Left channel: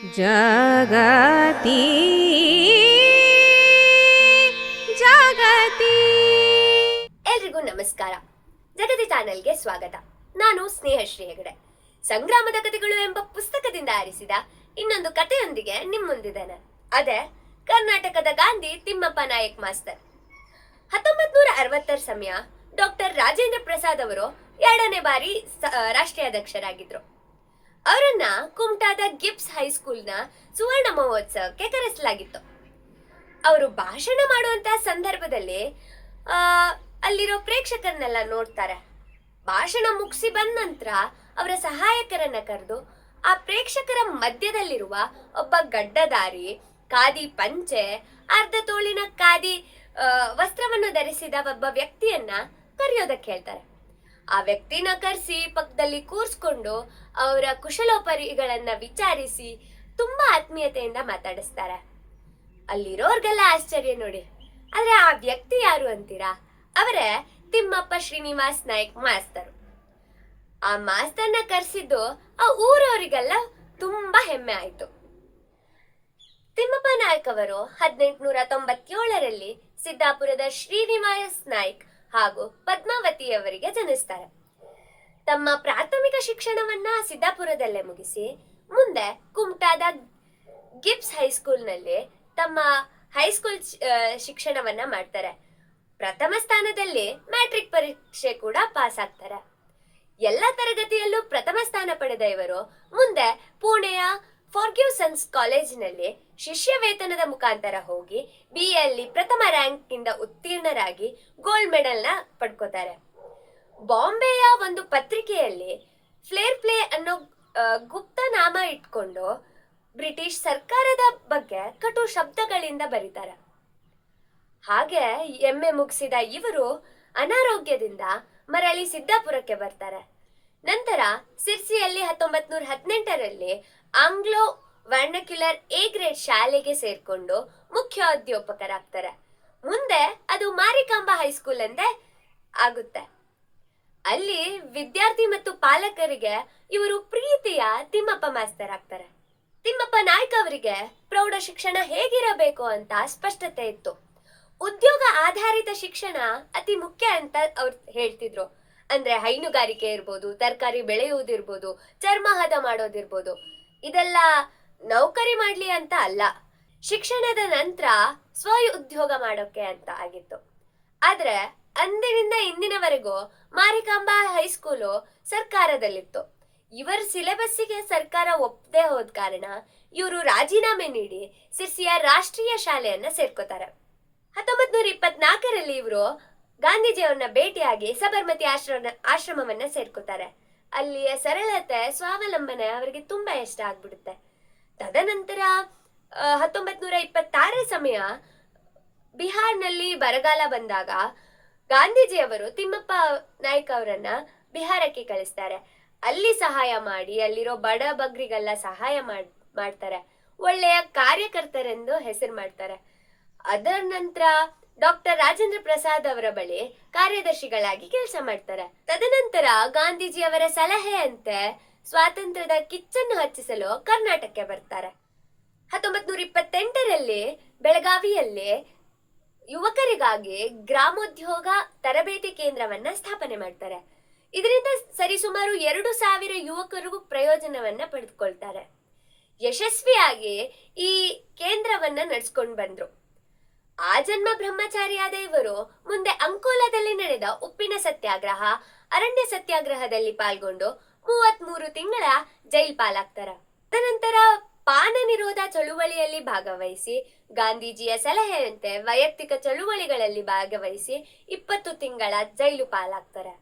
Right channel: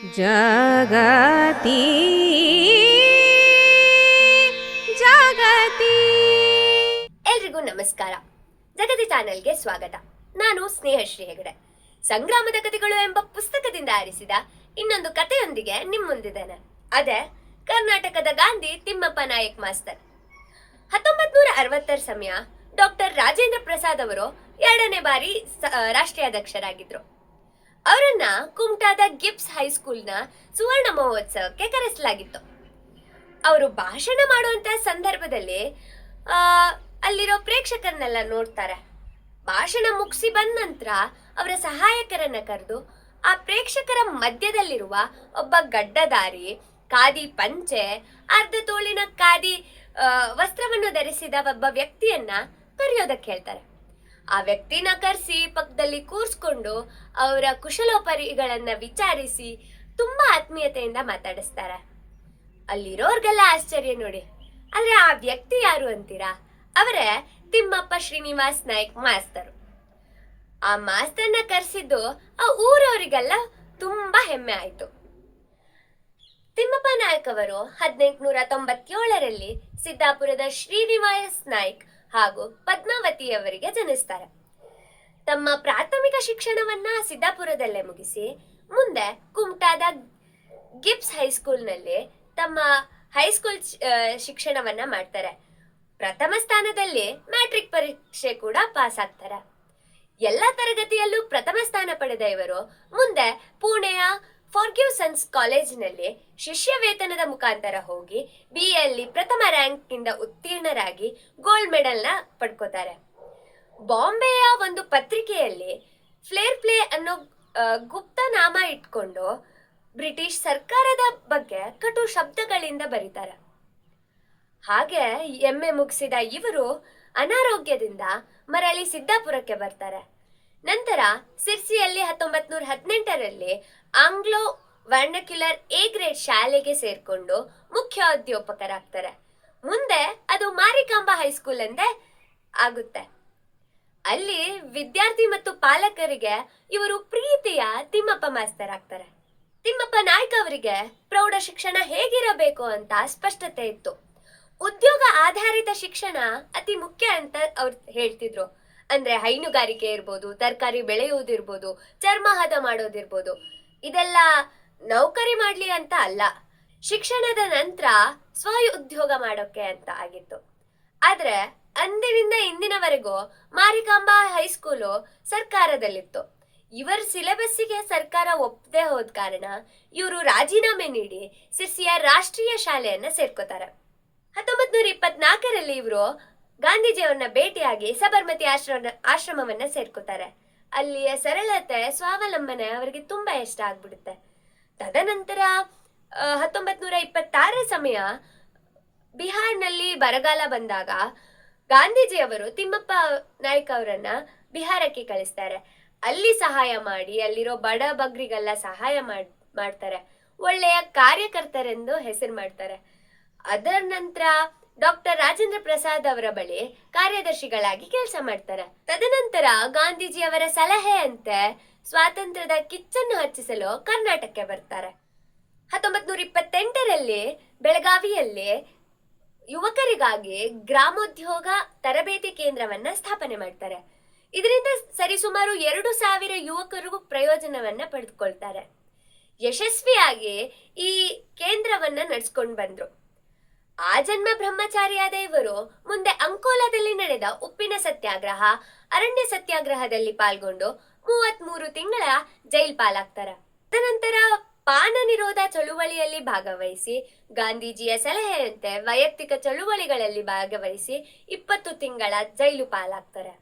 ಜಗತಿ ಜಗತಿ. ಎಲ್ರಿಗೂ ನಮಸ್ಕಾರ. ಜಗತಿ ಚಾನೆಲ್ಗೆ ಸ್ವಾಗತ. ನಾನು ಸ್ನೇಹಶ್ರೀ ಹೆಗಡೆ. ಸಂಗ್ರಾಮದ ಕಥೆಗಳು ಎಂಬ ಪುಸ್ತಕದಿಂದ ಆರಿಸಿದ ಇನ್ನೊಂದು ಕಥೆಯೊಂದಿಗೆ ನಿಮ್ಮ ಮುಂದಿದ್ದೇನೆ. ಅದೇ ಕರ್ನಾಟಕದ ಗಾಂಧಿ ತಿಮ್ಮಪ್ಪ ನಾಯಕ್ ಮಾಸ್ತರ್. 1960ರ ಸಮಯ ಡಾಕ್ಟರ್ ರಾಜೇಂದ್ರ ಪ್ರಸಾದ್ ಅವರು 2ನೇ ಬಾರಿ ರಾಷ್ಟ್ರೀಯ ಅಧ್ಯಕ್ಷರಾಗಿದ್ರು. ಅವರನ್ನ ಕುಮಟಾದ ಗಿಬ್ಸ್ ಹೈಸ್ಕೂಲ್ನ ಸುವರ್ಣ ಮಹೋತ್ಸವಕ್ಕೆ ಕರೆಸಲಾಗಿತ್ತು. ಅವರು ಭಾಷಣ ಮಾಡುವಂತಹ ಸಂದರ್ಭದಲ್ಲಿ ಅಲ್ಲಿರೋ ಪ್ರೇಕ್ಷಕರನ್ನೆಲ್ಲ ನೋಡ್ತಾರೆ. ಭಾಷಣ ಮುಗಿಸಿ ಬಂದ ನಂತರ ಅವರ ಸಹಾಯಕರನ್ನ ಕರೆದು ಆ ಪ್ರೇಕ್ಷಕರ ಮಧ್ಯದಲ್ಲಿರುವ ಒಬ್ಬ ಗಡ್ಡಧಾರಿ, ಖಾದಿ ಪಂಚೆ, ಅರ್ಧ ತೋಳಿನ ಖಾದಿ ವಸ್ತ್ರವನ್ನು ಧರಿಸಿದ ಒಬ್ಬ ವ್ಯಕ್ತಿಯನ್ನ ಕರೆಯೋದಕ್ಕೆ ಹೇಳ್ತಾರೆ. ಆ ವ್ಯಕ್ತಿನ ಕರೆಸಿ ಪಕ್ಕದಲ್ಲಿ ಕೂರಿಸ್ಕೊಂಡು ಅವರ ಕುಶಲೋಪರಿಗಳನ್ನ ವಿಚಾರಿಸಿ ತುಂಬಾ ಆತ್ಮೀಯತೆಯಿಂದ ಮಾತಾಡಿಸ್ತಾರೆ. ಅಲ್ಲಿರೋರ್ಗೆಲ್ಲ ಆಶ್ಚರ್ಯ ನೋಡಿ. ಆದ್ರೆ ಆ ವ್ಯಕ್ತಿ ಯಾರು ಅಂತೀರಾ? ಅವರೇ ತಿಮ್ಮಪ್ಪ ಶ್ರೀನಿವಾಸ್ ನಾಯ್ಕ್ ಮಾಸ್ತರು. ಆ ಮಾಸ್ತರ್ನ ಕರೆಸಿದ್ದು ಆ ಊರವರಿಗೆಲ್ಲ ತುಂಬಾ ಹೆಮ್ಮೆ ಆಯ್ತು. ತಿಮ್ಮಪ್ಪ ನಾಯ್ಕ್ ಅವರು 1897ರಲ್ಲಿ ಸಿದ್ದಾಪುರದ ಶ್ರೀನಿವಾಸ್ ನಾಯ್ಕ್ ಹಾಗೂ ಪದ್ಮಾವತಿಯವರಿಗೆ ಜನಿಸ್ತಾರೆ. ತಮ್ಮ ಪ್ರಾಥಮಿಕ ಶಿಕ್ಷಣವನ್ನ ಸಿದ್ದಾಪುರದಲ್ಲೇ ಮುಗಿಸಿ ಮುಂದೆ ಕುಮಟಾದ ಗಿಬ್ಸ್ ಹೈಸ್ಕೂಲ್ನಲ್ಲಿ ತಮ್ಮ ಹೈಸ್ಕೂಲ್ ಶಿಕ್ಷಣವನ್ನ ಮಾಡ್ತಾರೆ. ಪ್ರಥಮ ಸ್ಥಾನದಲ್ಲಿ ಮ್ಯಾಟ್ರಿಕ್ ಪರೀಕ್ಷೆ ಕೂಡ ಪಾಸ್ ಆಗ್ತಾರೆ. ಎಲ್ಲ ತರಗತಿಯಲ್ಲೂ ಪ್ರಥಮ ಸ್ಥಾನ ಪಡೆದ ಇವರು ಮುಂದೆ ಪುಣೆಯ ಫಾರ್ಗಿವ್ ಸನ್ಸ್ ಕಾಲೇಜಿನಲ್ಲಿ ಶಿಷ್ಯ ವೇತನದ ಮುಖಾಂತರ ಹೋಗಿ ಬಿಎಲ್ಲಿ ಪ್ರಥಮ ರ್ಯಾಂಕ್ ನಿಂದ ಉತ್ತೀರ್ಣರಾಗಿ ಗೋಲ್ಡ್ ಮೆಡಲ್ ನ ಪಡ್ಕೋತಾರೆ. ಬಾಂಬೆಯ ಒಂದು ಪತ್ರಿಕೆಯಲ್ಲಿ ಫ್ಲೇರ್ ಪ್ಲೇ ಅನ್ನೋ ಗುಪ್ತ ನಾಮ ಇಟ್ಕೊಂಡು ಬ್ರಿಟಿಷ್ ಸರ್ಕಾರದ ಬಗ್ಗೆ ಕಟು ಶಬ್ದಗಳಿಂದ ಬರೀತಾರೆ. ಹಾಗೆ ಎಮ್ಮೆ ಮುಗಿಸಿದ ಇವರು ಅನಾರೋಗ್ಯದಿಂದ ಮರಳಿ ಸಿದ್ದಾಪುರಕ್ಕೆ ಬರ್ತಾರೆ. ನಂತರ ಸಿರ್ಸಿಯಲ್ಲಿ 1918ರಲ್ಲಿ ಆಂಗ್ಲೋ ವರ್ಣಕ್ಯುಲರ್ ಎ ಗ್ರೇಡ್ ಶಾಲೆಗೆ ಸೇರ್ಕೊಂಡು ಮುಖ್ಯೋಧ್ಯಾಪಕರಾಗ್ತಾರೆ. ಮುಂದೆ ಅದು ಮಾರಿಕಾಂಬಾ ಹೈಸ್ಕೂಲ್ ಎಂದೇ ಆಗುತ್ತೆ. ಅಲ್ಲಿ ವಿದ್ಯಾರ್ಥಿ ಮತ್ತು ಪಾಲಕರಿಗೆ ಇವರು ಪ್ರೀತಿಯ ತಿಮ್ಮಪ್ಪ ಮಾಸ್ತರ್ ಆಗ್ತಾರೆ. ತಿಮ್ಮಪ್ಪ ನಾಯ್ಕ್ ಅವರಿಗೆ ಪ್ರೌಢ ಶಿಕ್ಷಣ ಹೇಗಿರಬೇಕು ಅಂತ ಸ್ಪಷ್ಟತೆ ಇತ್ತು. ಉದ್ಯೋಗ ಆಧಾರಿತ ಶಿಕ್ಷಣ ಅತಿ ಮುಖ್ಯ ಅಂತ ಅವ್ರು ಹೇಳ್ತಿದ್ರು. ಅಂದ್ರೆ ಹೈನುಗಾರಿಕೆ ಇರ್ಬೋದು, ತರಕಾರಿ ಬೆಳೆಯುವುದಿರ್ಬೋದು, ಚರ್ಮ ಹದ ಮಾಡೋದಿರ್ಬೋದು, ಇದೆಲ್ಲ ನೌಕರಿ ಮಾಡ್ಲಿ ಅಂತ ಅಲ್ಲ, ಶಿಕ್ಷಣದ ನಂತರ ಸ್ವ ಉದ್ಯೋಗ ಮಾಡೋಕೆ ಅಂತ ಆಗಿತ್ತು. ಆದ್ರೆ ಅಂದಿನಿಂದ ಇಂದಿನವರೆಗೂ ಮಾರಿಕಾಂಬಾ ಹೈಸ್ಕೂಲು ಸರ್ಕಾರದಲ್ಲಿತ್ತು. ಇವರ ಸಿಲೆಬಸ್ಸಿಗೆ ಸರ್ಕಾರ ಒಪ್ಪದೆ ಹೋದ ಕಾರಣ ಇವರು ರಾಜೀನಾಮೆ ನೀಡಿ ಸಿರ್ಸಿಯ ರಾಷ್ಟ್ರೀಯ ಶಾಲೆಯನ್ನ ಸೇರ್ಕೋತಾರೆ. 1924ರಲ್ಲಿ ಇವರು ಗಾಂಧೀಜಿಯವರನ್ನ ಭೇಟಿಯಾಗಿ ಸಬರ್ಮತಿ ಆಶ್ರಮವನ್ನ ಸೇರ್ಕೋತಾರೆ. ಅಲ್ಲಿಯ ಸರಳತೆ, ಸ್ವಾವಲಂಬನೆ ಅವರಿಗೆ ತುಂಬಾ ಇಷ್ಟ ಆಗ್ಬಿಡುತ್ತೆ. ತದನಂತರ 1926ರ ಸಮಯ ಬಿಹಾರ್ನಲ್ಲಿ ಬರಗಾಲ ಬಂದಾಗ ಗಾಂಧೀಜಿಯವರು ತಿಮ್ಮಪ್ಪ ನಾಯ್ಕ್ ಅವರನ್ನ ಬಿಹಾರಕ್ಕೆ ಕಳಿಸ್ತಾರೆ. ಅಲ್ಲಿ ಸಹಾಯ ಮಾಡಿ ಅಲ್ಲಿರೋ ಬಡ ಬಗ್ರಿಗೆಲ್ಲ ಸಹಾಯ ಮಾಡ್ತಾರೆ. ಒಳ್ಳೆಯ ಕಾರ್ಯಕರ್ತರೆಂದು ಹೆಸರು ಮಾಡ್ತಾರೆ. ಅದರ ನಂತರ ಡಾಕ್ಟರ್ ರಾಜೇಂದ್ರ ಪ್ರಸಾದ್ ಅವರ ಬಳಿ ಕಾರ್ಯದರ್ಶಿಗಳಾಗಿ ಕೆಲಸ ಮಾಡ್ತಾರೆ. ತದನಂತರ ಗಾಂಧೀಜಿಯವರ ಸಲಹೆಯಂತೆ ಸ್ವಾತಂತ್ರ್ಯದ ಕಿಚ್ಚನ್ನು ಹಚ್ಚಿಸಲು ಕರ್ನಾಟಕಕ್ಕೆ ಬರ್ತಾರೆ. 1928ರಲ್ಲಿ ಬೆಳಗಾವಿಯಲ್ಲಿ ಯುವಕರಿಗಾಗಿ ಗ್ರಾಮೋದ್ಯೋಗ ತರಬೇತಿ ಕೇಂದ್ರವನ್ನ ಸ್ಥಾಪನೆ ಮಾಡ್ತಾರೆ. ಇದರಿಂದ ಸರಿಸುಮಾರು 2,000 ಯುವಕರು ಪ್ರಯೋಜನವನ್ನ ಪಡೆದುಕೊಳ್ತಾರೆ. ಯಶಸ್ವಿಯಾಗಿ ಈ ಕೇಂದ್ರವನ್ನ ನಡೆಸ್ಕೊಂಡು ಬಂದ್ರು. ಆಜನ್ಮ ಬ್ರಹ್ಮಚಾರಿಯಾದ ಇವರು ಮುಂದೆ ಅಂಕೋಲಾದಲ್ಲಿ ನಡೆದ ಉಪ್ಪಿನ ಸತ್ಯಾಗ್ರಹ, ಅರಣ್ಯ ಸತ್ಯಾಗ್ರಹದಲ್ಲಿ ಪಾಲ್ಗೊಂಡು 33 ತಿಂಗಳ ಜೈಲ್ ಪಾಲಾಗ್ತಾರೆ. ತದನಂತರ ಪಾನ ನಿರೋಧ ಚಳುವಳಿಯಲ್ಲಿ ಭಾಗವಹಿಸಿ ಗಾಂಧೀಜಿಯ ಸಲಹೆಯಂತೆ ವೈಯಕ್ತಿಕ ಚಳುವಳಿಗಳಲ್ಲಿ ಭಾಗವಹಿಸಿ 20 ತಿಂಗಳ ಜೈಲು ಪಾಲಾಗ್ತಾರೆ.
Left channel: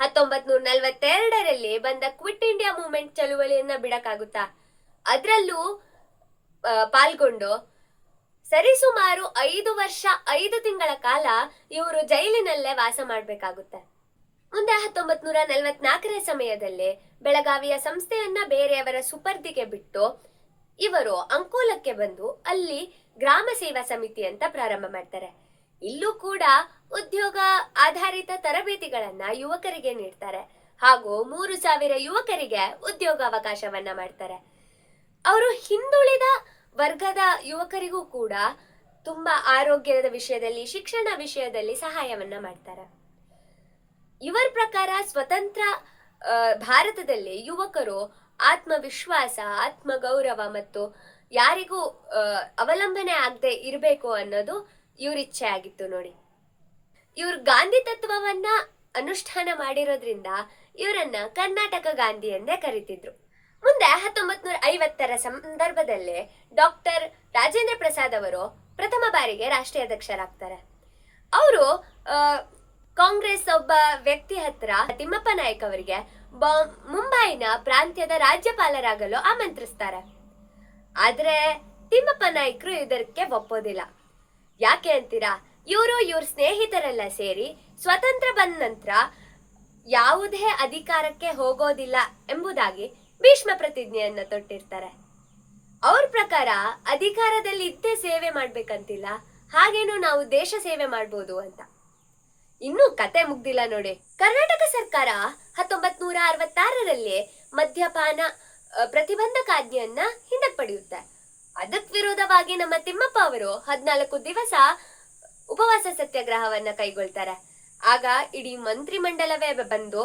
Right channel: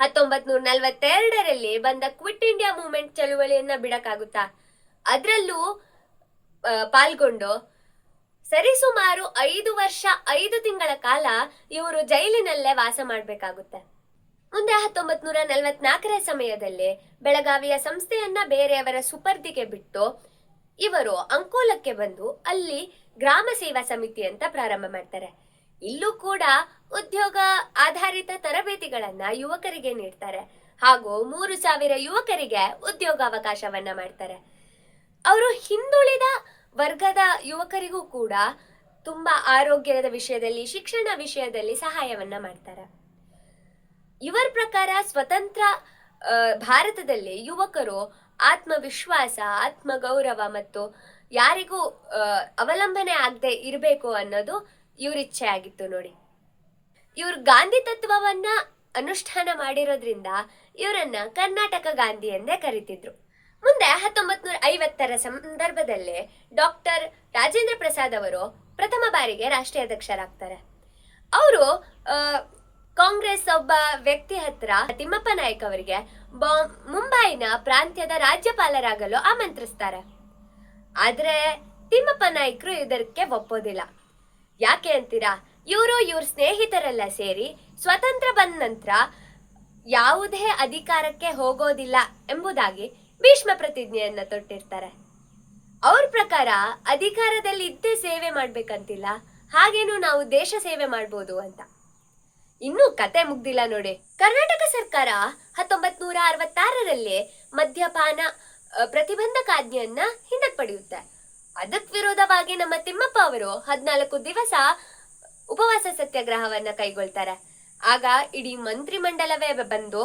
1942ರಲ್ಲಿ ಬಂದ ಕ್ವಿಟ್ ಇಂಡಿಯಾ ಮೂವ್ಮೆಂಟ್ ಚಳುವಳಿಯನ್ನ ಬಿಡಕ್ಕಾಗುತ್ತಾ? ಅದ್ರಲ್ಲೂ ಪಾಲ್ಗೊಂಡು ಸರಿಸುಮಾರು 5 ವರ್ಷ 5 ತಿಂಗಳ ಕಾಲ ಇವರು ಜೈಲಿನಲ್ಲೇ ವಾಸ ಮಾಡಬೇಕಾಗುತ್ತೆ. ಮುಂದೆ 1944ರ ಸಮಯದಲ್ಲಿ ಬೆಳಗಾವಿಯ ಸಂಸ್ಥೆಯನ್ನ ಬೇರೆಯವರ ಸುಪರ್ದಿಗೆ ಬಿಟ್ಟು ಇವರು ಅಂಕೋಲಕ್ಕೆ ಬಂದು ಅಲ್ಲಿ ಗ್ರಾಮ ಸೇವಾ ಸಮಿತಿ ಅಂತ ಪ್ರಾರಂಭ ಮಾಡ್ತಾರೆ. ಇಲ್ಲೂ ಕೂಡ ಉದ್ಯೋಗ ಆಧಾರಿತ ತರಬೇತಿಗಳನ್ನ ಯುವಕರಿಗೆ ನೀಡ್ತಾರೆ ಹಾಗೂ 3,000 ಯುವಕರಿಗೆ ಉದ್ಯೋಗಾವಕಾಶವನ್ನ ಮಾಡ್ತಾರೆ. ಅವರು ಹಿಂದುಳಿದ ವರ್ಗದ ಯುವಕರಿಗೂ ಕೂಡ ತುಂಬಾ ಆರೋಗ್ಯದ ವಿಷಯದಲ್ಲಿ, ಶಿಕ್ಷಣ ವಿಷಯದಲ್ಲಿ ಸಹಾಯವನ್ನ ಮಾಡ್ತಾರೆ. ಇವರ ಪ್ರಕಾರ ಸ್ವತಂತ್ರ ಭಾರತದಲ್ಲಿ ಯುವಕರು ಆತ್ಮವಿಶ್ವಾಸ, ಆತ್ಮಗೌರವ ಮತ್ತು ಯಾರಿಗೂ ಅವಲಂಬನೆ ಆಗದೆ ಇರಬೇಕು ಅನ್ನೋದು ಇವ್ರ ಇಚ್ಛೆ ಆಗಿತ್ತು ನೋಡಿ. ಇವ್ರು ಗಾಂಧಿ ತತ್ವವನ್ನ ಅನುಷ್ಠಾನ ಮಾಡಿರೋದ್ರಿಂದ ಇವರನ್ನ ಕರ್ನಾಟಕ ಗಾಂಧಿ ಎಂದೇ ಕರೀತಿದ್ರು. ಮುಂದೆ 1950ರ ಸಂದರ್ಭದಲ್ಲಿ ಡಾಕ್ಟರ್ ರಾಜೇಂದ್ರ ಪ್ರಸಾದ್ ಅವರು ಪ್ರಥಮ ಬಾರಿಗೆ ರಾಷ್ಟ್ರೀಯ ಅಧ್ಯಕ್ಷರಾಗ್ತಾರೆ. ಅವರು ಕಾಂಗ್ರೆಸ್ ಒಬ್ಬ ವ್ಯಕ್ತಿ ಹತ್ರ ತಿಮ್ಮಪ್ಪ ನಾಯ್ಕ ಅವರಿಗೆ ಮುಂಬೈನ ಪ್ರಾಂತ್ಯದ ರಾಜ್ಯಪಾಲರಾಗಲು ಆಮಂತ್ರಿಸ್ತಾರೆ. ಆದ್ರೆ ತಿಮ್ಮಪ್ಪ ನಾಯ್ಕರು ಇದಕ್ಕೆ ಒಪ್ಪೋದಿಲ್ಲ. ಯಾಕೆ ಅಂತೀರಾ? ಇವ್ರ ಸ್ನೇಹಿತರೆಲ್ಲ ಸೇರಿ ಸ್ವತಂತ್ರ ಬಂದ ನಂತರ ಯಾವುದೇ ಅಧಿಕಾರಕ್ಕೆ ಹೋಗೋದಿಲ್ಲ ಎಂಬುದಾಗಿ ಭೀಷ್ಮ ಪ್ರತಿಜ್ಞೆಯನ್ನ ತೊಟ್ಟಿರ್ತಾರೆ. ಅವ್ರ ಪ್ರಕಾರ ಅಧಿಕಾರದಲ್ಲಿ ಇದ್ದೇ ಸೇವೆ ಮಾಡ್ಬೇಕಂತಿಲ್ಲ, ಹಾಗೇನು ನಾವು ದೇಶ ಸೇವೆ ಮಾಡ್ಬೋದು ಅಂತ. ಇನ್ನೂ ಕತೆ ಮುಗ್ದಿಲ್ಲ ನೋಡಿ. ಕರ್ನಾಟಕ ಸರ್ಕಾರ 1966ರಲ್ಲಿ ಮದ್ಯಪಾನ ಪ್ರತಿಬಂಧಕಾಜ್ಞೆಯನ್ನ ಹಿಂದಕ್ಕೆ ಪಡೆಯುತ್ತೆ. ಅದಕ್ಕೆ ವಿರೋಧವಾಗಿ ನಮ್ಮ ತಿಮ್ಮಪ್ಪ ಅವರು 14 ದಿವಸ ಉಪವಾಸ ಸತ್ಯಾಗ್ರಹವನ್ನ ಕೈಗೊಳ್ತಾರೆ. ಆಗ ಇಡೀ ಮಂತ್ರಿಮಂಡಲವೇ ಬಂದು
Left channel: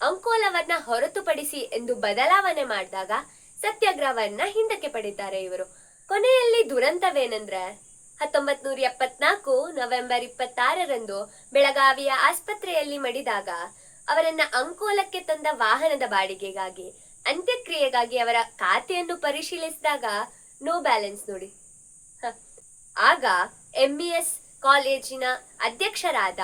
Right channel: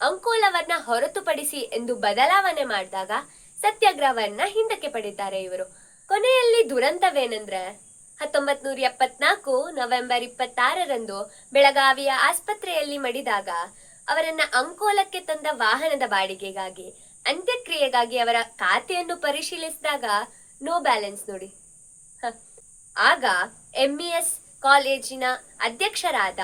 ಅಂಕೋಲವನ್ನ ಹೊರತುಪಡಿಸಿ ಎಂದು ಬದಲಾವಣೆ ಮಾಡಿದಾಗ ಸತ್ಯಾಗ್ರಹವನ್ನ ಹಿಂದಕ್ಕೆ ಪಡಿತಾರೆ ಇವರು. ಕೊನೆಯಲ್ಲಿ ದುರಂತವೇನೆಂದ್ರೆ 1974 ನವೆಂಬರ್ 26ರಂದು ಬೆಳಗಾವಿಯ ಆಸ್ಪತ್ರೆಯಲ್ಲಿ ಮಡಿದಾಗ ಅವರನ್ನ ಅಂಕೋಲಕ್ಕೆ ತಂದ ವಾಹನದ ಬಾಡಿಗೆಗಾಗಿ, ಅಂತ್ಯಕ್ರಿಯೆಗಾಗಿ ಅವರ ಖಾತೆಯನ್ನು ಪರಿಶೀಲಿಸಿದಾಗ ನೋ ಬ್ಯಾಲೆನ್ಸ್ ನೋಡಿ. ಆಗ MES ಕಾಲೇಜಿನ ಅಧ್ಯಕ್ಷರಾದ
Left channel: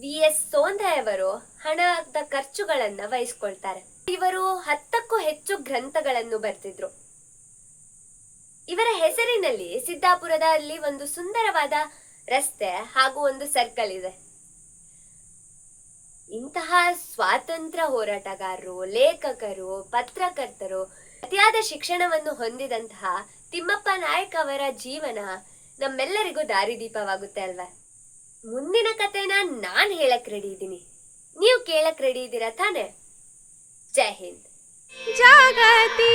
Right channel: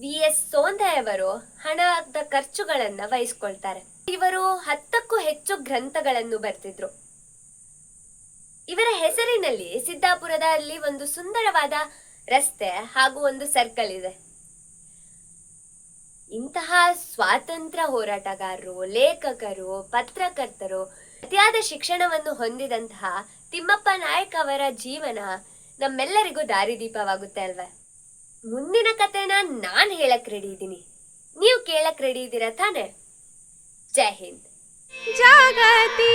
VS ಸೋಂದಯವರು ಹಣದ ಖರ್ಚುಗಳನ್ನ ವಹಿಸ್ಕೊಳ್ತಾರೆ. ಇವರು 10ಕ್ಕೂ ಹೆಚ್ಚು ಗ್ರಂಥಗಳನ್ನು ಬರೆದಿದ್ರು. ಇವರ ಹೆಸರಿನಲ್ಲಿ ಸಿದ್ದಾಪುರದಲ್ಲಿ ಒಂದು ಸುಂದರವಾದ ರಸ್ತೆ ಹಾಗೂ ಒಂದು ಸರ್ಕಲ್ ಇದೆ. ಇಂತಹ ಸ್ವಾತಂತ್ರ್ಯ ಹೋರಾಟಗಾರರು, ಲೇಖಕರು, ಪತ್ರಕರ್ತರು, ಅತಿಯಾದ ಶಿಕ್ಷಣವನ್ನು ಹೊಂದಿದಂತಹ ತಿಮ್ಮಪ್ಪ ನಾಯಕ್ ಅವರ ಜೀವನ ನಮ್ಮೆಲ್ಲರಿಗೂ ದಾರಿದೀಪವಾಗುತ್ತೆ ಅಲ್ವಾ? ಮುಂದಿನ ಕಥೆನ ನಾನ್ ಹೇಳಕ್ ರೆಡಿ ಇದ್ದೀನಿ, ನೀವು ಕೇಳಕ್ ರೆಡಿ ಇದ್ದೀರಾ ತಾನೆ? ಜೈ ಹಿಂದ್. ಜಾಗತಿ